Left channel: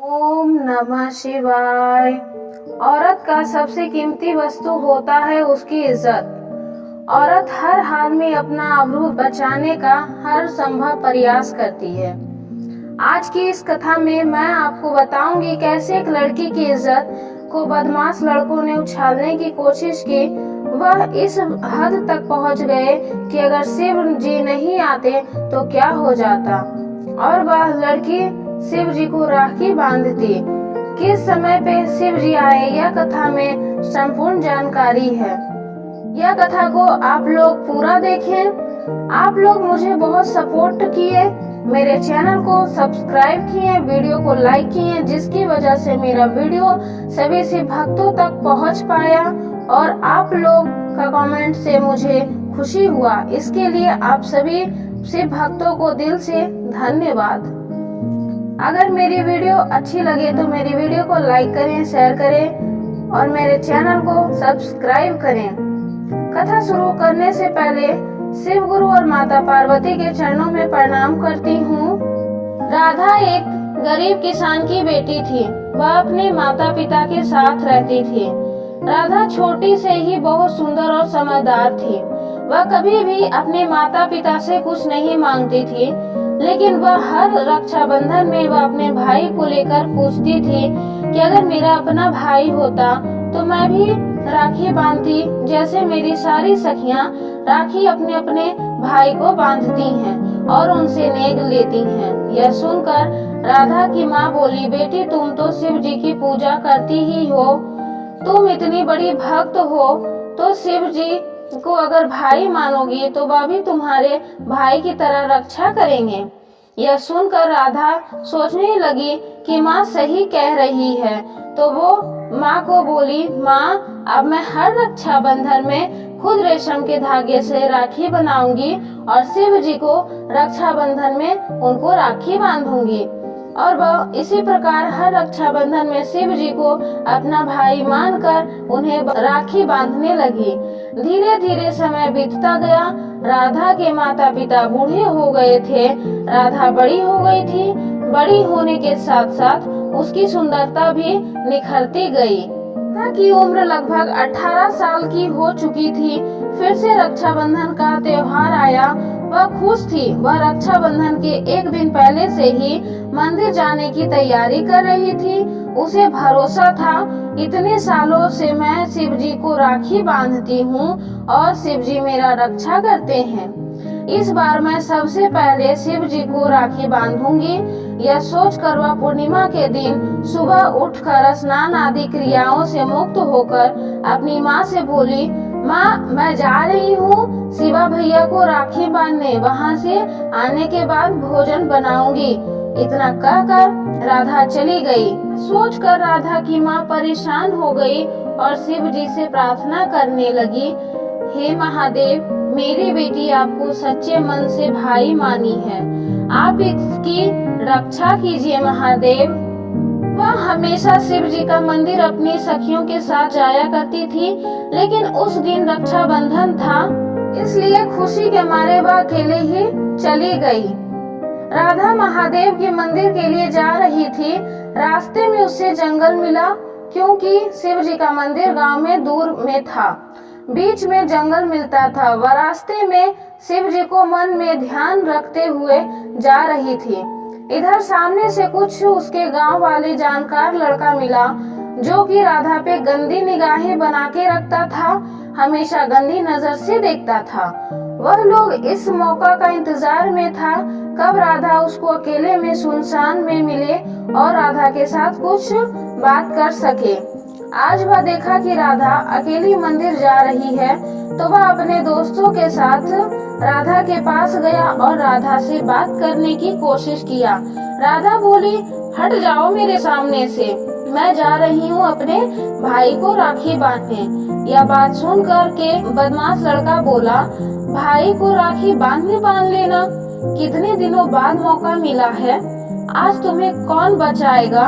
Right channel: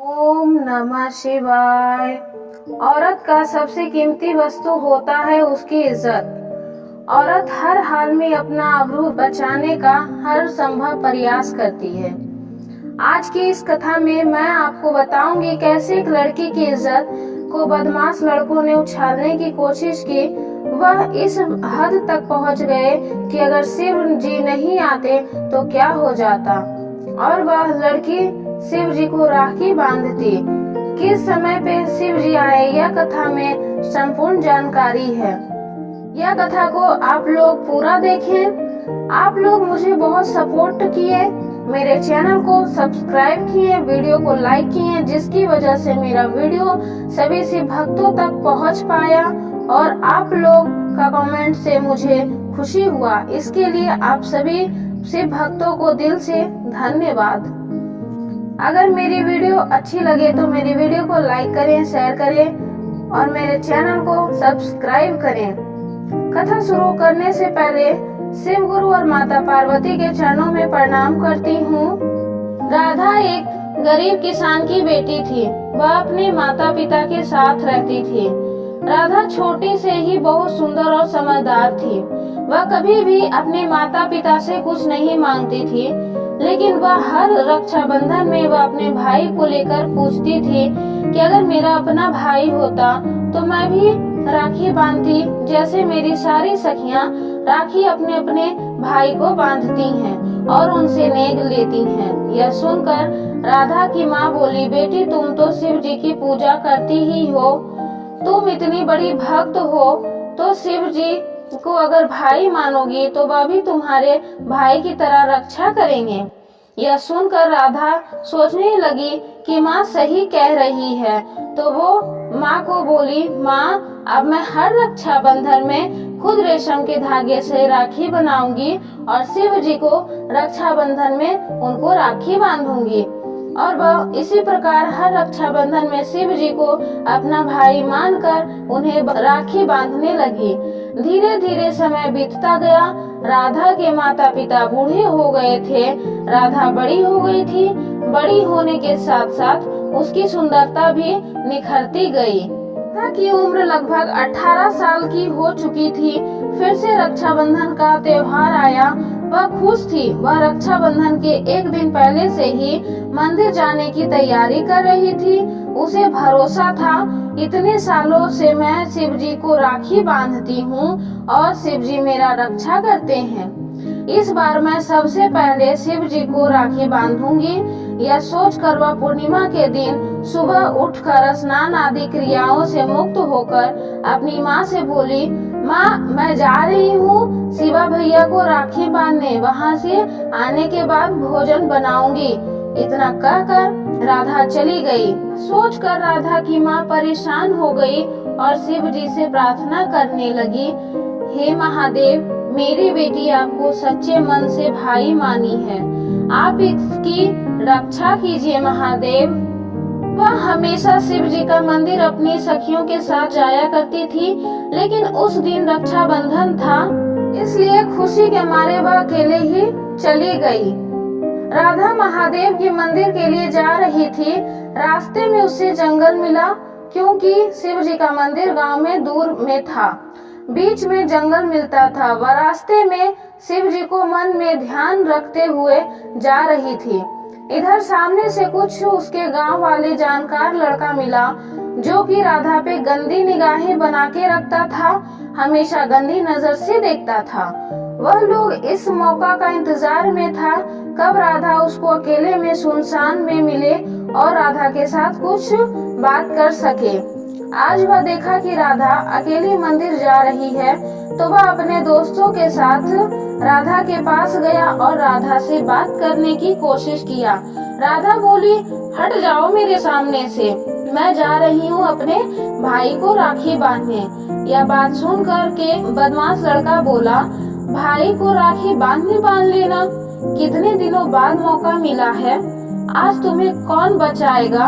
ओम नमः शिवाय। औरत का सबसे कीमती वस्तु होता है उसकी इज्जत। औरत हर हाल में अपना आबरू बचाने का हर संभव प्रयास करती है। आज की इस कथा में मैं आपको बताऊंगी कैसे एक लड़की की इज्जत को बदमाश लड़कों ने उछालने की कोशिश की। वह इस हद तक पहुंच गए कि अगर शिव जी नहीं आते तो क्या हो जाता, और वह लड़की शिव जी को राखी बांधती। किस समय पे शिव जी आए, यह कथा में संपूर्ण जानकारी है। यह कथा को आप लोग पूरा देखें। आप लोग मुझे बहुत सपोर्ट किए, मेरे चैनल को सब्सक्राइब किए, वीडियो को लाइक किए, जिसकी वजह से मेरा वीडियो सभी शिव भक्तों तक पहुंच पाया और आप लोग का कमेंट से मुझे खुशी हुआ। इसके लिए आप सभी शिव भक्तों को दिल से धन्यवाद। अगर मेरी वीडियो अच्छी लगे तो मेरी वीडियो को लाइक करें, शेयर करें और मेरे चैनल को सब्सक्राइब करें। कथा शुरू करने से पहले शिव गुरु और माता पार्वती के चरणों में प्रणाम करती हूँ। राधा एक गरीब किसान की बेटी थी। वह अपने माता पिता के साथ रहती थी। राधा छोटी से ही बहुत सुंदर और समझदार थी। वह कभी भी अपने माता पिता से कुछ नहीं मांगती थी, लेकिन वह हर रक्षाबंधन में वह अपने भाई को लेकर पूछती थी कि अगर मेरा अपना भाई होता तो मैं भी राखी बांधती जैसे मेरी सारी सखियां राखी अपने अपने भाई को बांधती हैं और उनसे नेग लेती हैं। यह सुनकर राधा की माँ बोली, बेटी तुम तो शिव जी की पूजा करती ही हो, तुम इतनी बड़ी भक्त हो, तो शिव जी को अगर भाई मानोगी तो वह भी तुम्हारे भाई की तरह रक्षा करेंगे। यह सुनकर राधा सोचने लगी कि माँ सही कह रही है, तो वो माँ को बोली, माँ अब मैं हर रक्षाबंधन में खुद रेशम के धागे से राखी बनाऊंगी और शिव जी को रक्षाबंधन में उनको राखी बांधूंगी। और वह इसी प्रकार हर रक्षाबंधन में शिव जी को अपना भाई मानकर उन्हें राखी बांधने लगी। धीरे धीरे समय बीतता गया। राधा के माता पिता बूढ़े हो गए थे। राधा बड़ी हो गई थी। बड़ी होने के साथ साथ उसकी सुंदरता भी निखरती गई। राधा की उम्र लगभग 18 साल की हो चुकी थी। फिर से रक्षाबंधन का त्योहार आया। वह खुश थी। वह रक्षाबंधन के एक दिन पहले से ही मंदिर जाने की तैयारी कर रही थी। उसे भरोसा था, इतने सालों से मैं शिव जी को राखी बांधती हूँ और शिव जी मेरा रक्षा करते हैं। इस बार मैं सबसे पहले शिव जी को राखी बांधूंगी। यह सोचकर वह पूर्णिमा के दिन सुबह उठकर स्नान आदि क्रियाओं से मुक्त होकर अपनी माँ से बोली, माँ मैं जा रही हूँ शिवा भैया को राखी बांधने, वहाँ से आने के बाद भोजन बनाऊंगी। इतना कहकर राधा चली गई। सोचकर राधा की माँ परेशान हो गई और शिव जी से प्रार्थना करने लगी, हे महादेव, मेरी बेटी आपको सच्चे मन से भाई मानी है, आप इसकी रक्षा कीजिए महादेव। वह हमेशा शिव जी का मंदिर अपनी सखियों के साथ जाया करती थी, लेकिन उस दिन रक्षाबंधन था, इसलिए खुशी के मारे वह अकेले ही चली गई। राधा महादेव के मंदिर के लिए जा रही थी। रास्ते में उसे जंगल मिला, क्योंकि शिव जी का मंदिर गांव में दूर में था। बीच में जंगल मिलता था। वह रास्ते में शिव जी को मन में ध्यान रखते हुए जा रही थी। इधर सामने से कुछ उसके गांव वाले जानकार लड़का मिला, जो कि राधा पे गंदी निगाहें बना के रखता था, हमेशा गंदी नजर से देखता था। वह लोग इस मौका का इंतजार में था कब राधा उसको अकेले में सुनसान में मिले और राधा के साथ कुछ बात कर सके। आज वह देखा कि राधा अकेली मंदिर जा रही है, तो वह अपने दोस्तों के साथ राधा के पास गया और राधा से बात करने की कोशिश किया। राधा बोली, हट जाओ मेरे सामने से, मैं जा रही हूँ अपने भाई को राखी बांधने। यह बात सुनकर के बदमाश लड़का बोला, भाई को राखी बांध लेना, कितने दिनों बाद मौका मिला है, आज तुम्हें कौन बचाएगा,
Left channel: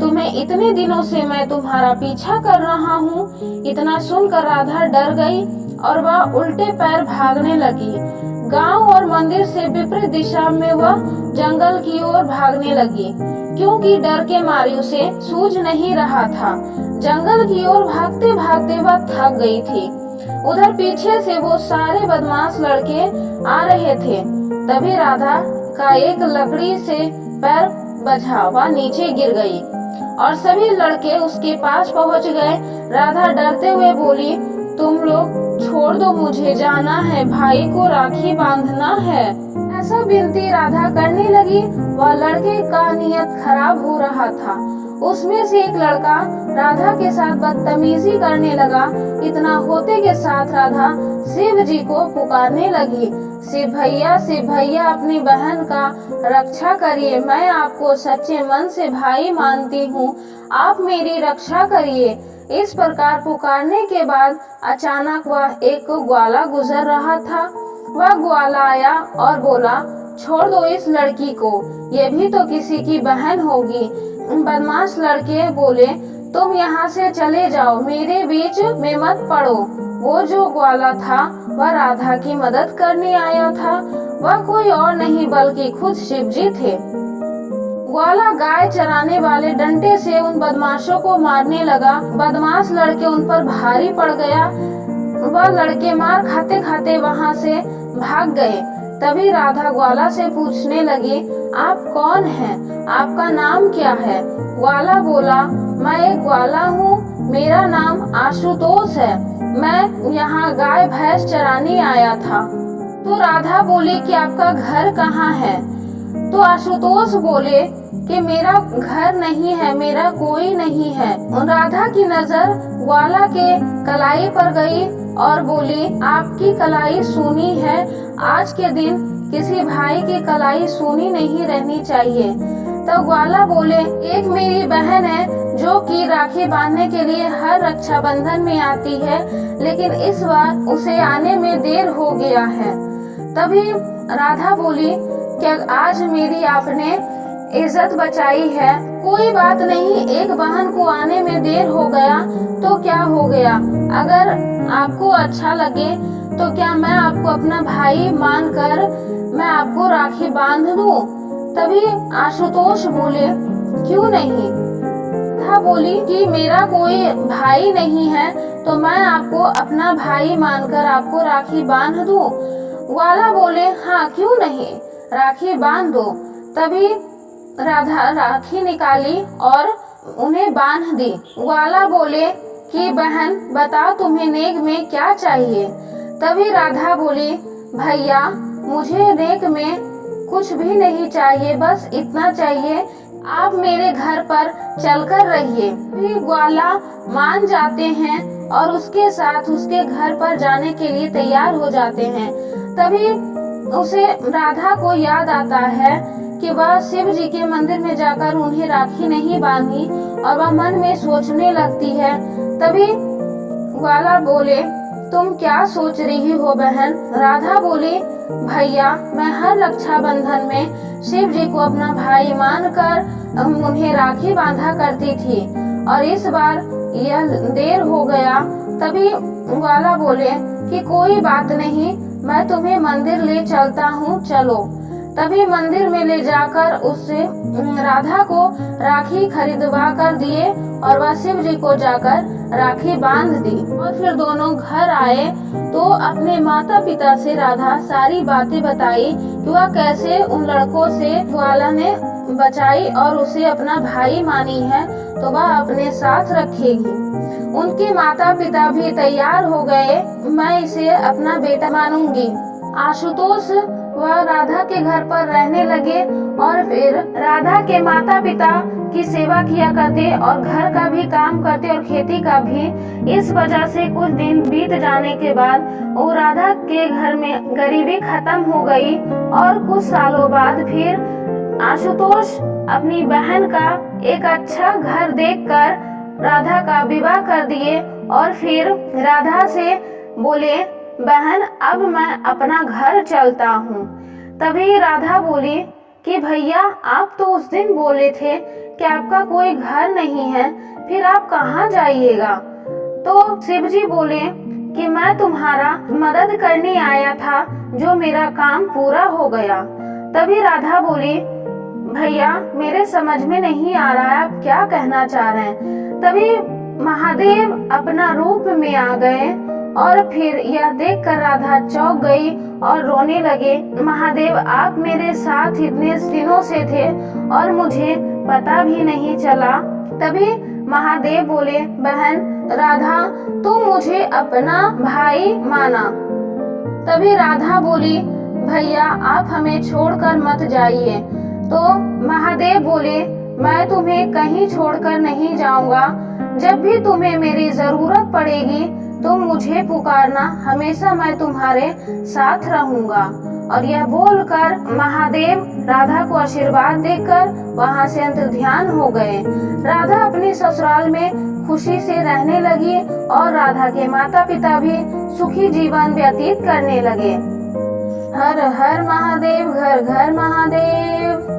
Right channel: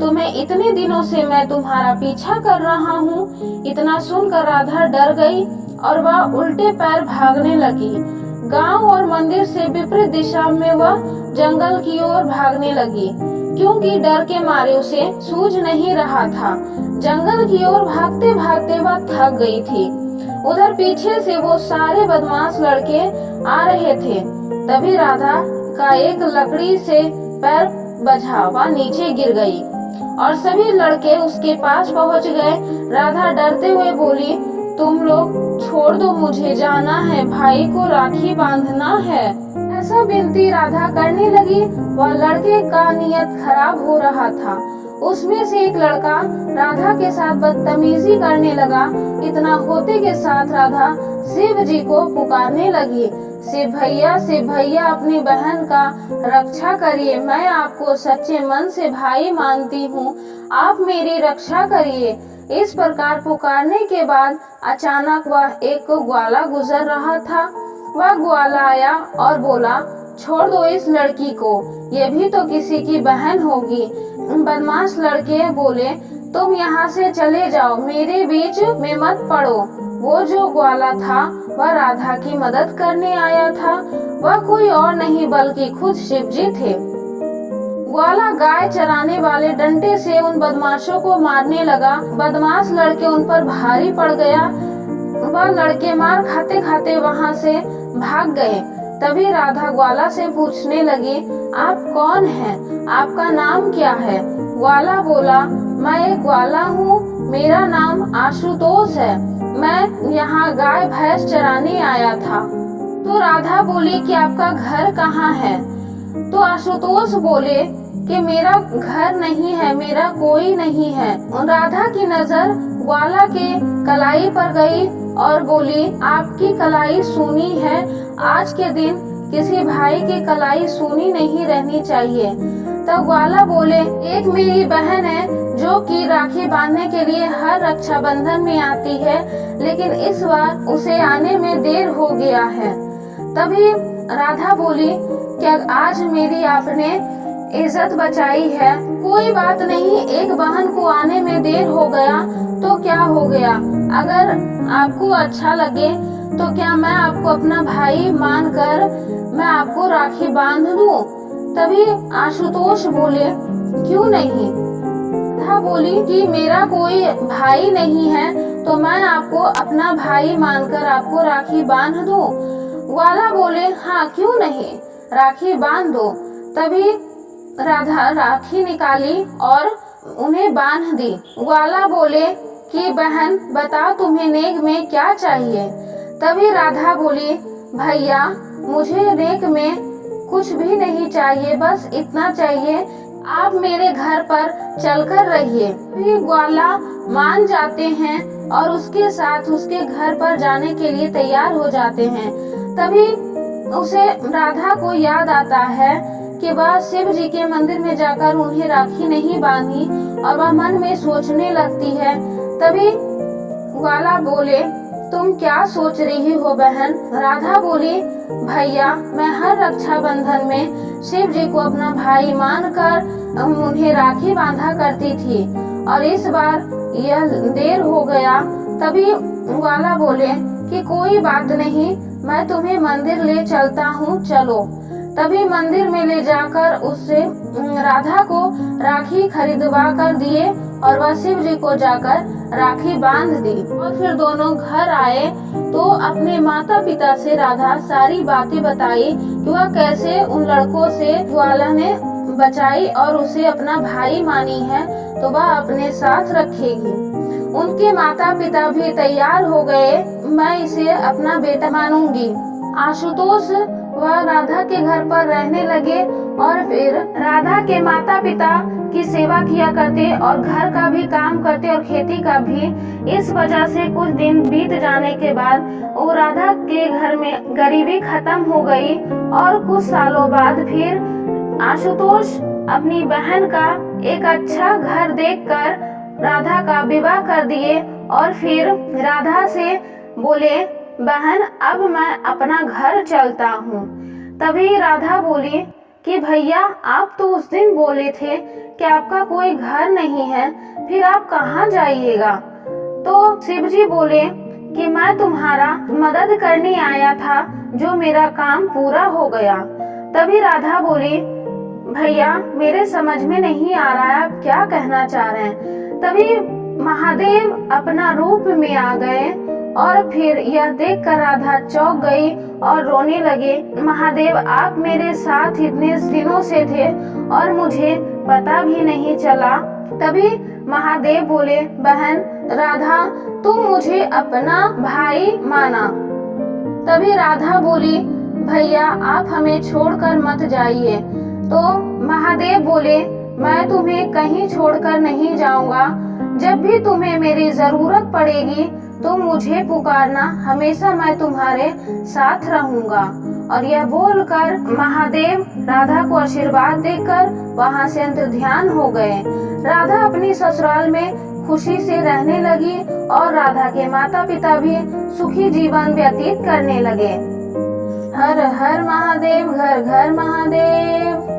तुम्हें इतने दिनों से मैं तुम्हारा पीछा कर रहा हूँ। इतना सुनकर राधा डर गई और वह उल्टे पैर भागने लगी। गांव और मंदिर से विपरीत दिशा में वह जंगल की ओर भागने लगी। क्योंकि डर के मारे उसे सूझ नहीं रहा था। जंगल की ओर भागते भागते वह थक गई थी। उधर पीछे से वो सारे बदमाश लड़के आ रहे थे। तभी राधा का एक लकड़ी से पैर बजा, वह नीचे गिर गई और सभी लड़के उसके पास पहुंच गए। राधा डरते हुए बोली, तुम लोग छोड़ दो, मुझे जाना है, भाई को राखी बांधना है। ऐसा विनती राधा करने लगी। वह लड़के का नियत खराब हो रहा था। उसमें से एक लड़का राधा के साथ बदतमीजी करने लगा। इतना होते के साथ राधा शिव जी को पुकारने लगी, शिव भैया अपनी बहन का रक्षा करिए, मैं आपको सच्चे मन से भाई मानती हूँ, आप मेरी रक्षा करिए। इस प्रकार पुकारने के बाद अचानक वह एक ग्वाला गुजर रहा था। वह ग्वाला आया और बोला, छोड़ दो इस लड़की को, ये भी तो किसी की बहन होगी। बदमाश लड़के बोले, तुम यहाँ से चले जाओ, मेरे बीच में मत पड़ो। वो जो ग्वाला था वह राधा की मदद करने आया था। वह कोई और नहीं बल्कि खुद शिव जी थे। ग्वाला गाय चराने वाले डंडे से उन बदमाशों को मारने लगा। बदमाश लड़के उन पर भारी पड़ गया। वह लड़के मार खाते खाते वहाँ से भाग गए। तभी राधा ग्वाला से पूछने लगी, आप कौन हैं? आपका नाम क्या है? ग्वाला बोला, मैं एक ग्वाला हूँ, मेरा नाम आशुतोष है, मैं यहाँ गाय भैंस चराने आया था। तो राधा बोली कि आपका घर कहाँ है? तो आशुतोष बोले कि मेरा घर नहीं है, मेरा कोई नहीं है। राधा की नजर ग्वाला के कलाई पर गई और बोली, आपकी कलाई सूनी है, आज के दिन किसी भाई की कलाई सूनी नहीं रहनी चाहिए। तब ग्वाला बोले, एक मेरी बहन है जो कि राखी बांधने के लिए हर रक्षाबंधन में आती है, लेकिन इस बार उसे आने में देर हो गया है। तभी राधा बोली, क्या आज मेरी आपने इज्जत बचाई है? कोई बात नहीं, एक बहन को आने में देर हो गया तो क्या हो गया? अगर आपको अच्छा लगे तो क्या मैं आपको अपना भाई मानकर मैं आपको राखी बांध दूं? तभी आशुतोष बोले, क्यों नहीं? राधा बोली कि मेरा कोई भाई नहीं है तो मैं आपको अपना भाई मानकर आपको राखी बांध दूं। ग्वाला बोले, हाँ क्यों नहीं, राखी बांध दो। तभी राधा राखी निकाली और उन्हें बांध दी। ग्वाला बोले कि बहन बताओ तुम्हें नेक में क्या चाहिए? तभी राधा बोली, भैया मुझे नेक में कुछ भी नहीं चाहिए, बस इतना चाहिए, आप मेरे घर पर चलकर रहिए। फिर ग्वाला मान जाते हैं और उसके साथ उसके घर पर जाने के लिए तैयार हो जाते हैं। तभी उसे राधा को याद आता है कि वह शिव जी के मंदिर में जाकर उन्हें राखी नहीं बांधी और वह मन में सोचने लगती है। तभी ग्वाला बोले, तुम क्या सोच रही हो बहन? राधा बोली, भैया मैं हर रक्षाबंधन में शिव जी को अपना भाई मानकर उन्हें राखी बांधा करती थी और इस बार यह देर हो गया। तभी ग्वाला बोले कि कोई बात नहीं, मैं तुम्हें मंदिर ले चलता हूँ, चलो। तभी मंदिर में ले जाकर उससे राधा को राखी खरीदवा कर दिए और वह शिव जी को जाकर राखी बांध दी। और फिर दोनों घर आए तो अपने माता पिता से राधा सारी बातें बताई कि वह कैसे उन लड़कों से ग्वाला ने बचाई और उसे अपना भाई मानी है तो वह अपने साथ रखेगी। उनके माता पिता भी तैयार हो गए, मैं इसे अपना बेटा मानूंगी। आशुतोष वह राधा के घर पर रहने लगे और फिर राधा के माता पिता की सेवा किया करते और घर का भी काम करते और खेती का भी। इस वजह से कुछ दिन बीत जाने के बाद वो राधा के घर में गरीबी खत्म हो गई और कुछ सालों बाद फिर आशुतोष अपनी बहन का एक अच्छा घर देखकर राधा का विवाह कर दिए और फिर राधा से बोले, बहन अब मैं अपना घर चलता हूँ। तभी राधा बोली कि भैया आप तो उस दिन बोले थे कि आपका कोई घर नहीं है, फिर आप कहाँ जाइएगा? तो शिव जी बोले कि मैं तुम्हारा मदद करने आया था, जो मेरा काम पूरा हो गया। तभी राधा बोली, भैया मेरे समझ में नहीं आ रहा है आप क्या कहना चाह रहे हैं। तभी महादेव अपना रूप में आ गए और फिर यह देखकर राधा चौंक गई और रोने लगे। महादेव आप मेरे साथ इतने दिनों से थे और मुझे पता भी नहीं चला। तभी महादेव बोले, बहन राधा तुम मुझे अपना भाई माना। तभी राधा बोली, भैया आप हमें छोड़कर मत जाइए। तो महादेव बोले, मैं तुम्हें कहीं छोड़कर नहीं जाऊंगा। जब भी तुम्हें मेरी जरूरत पड़ेगी तुम मुझे पुकारना, हमेशा मैं तुम्हारे साथ रहूंगा। और यह बोलकर महादेव राधा को आशीर्वाद देकर वहां से अंतर्ध्यान हो गए। राधा अपनी ससुराल में खुशी से रहने लगी और राधा के माता पिता भी सुखी जीवन व्यतीत करने लगे। हर हर महादेव, घर घर महादेव।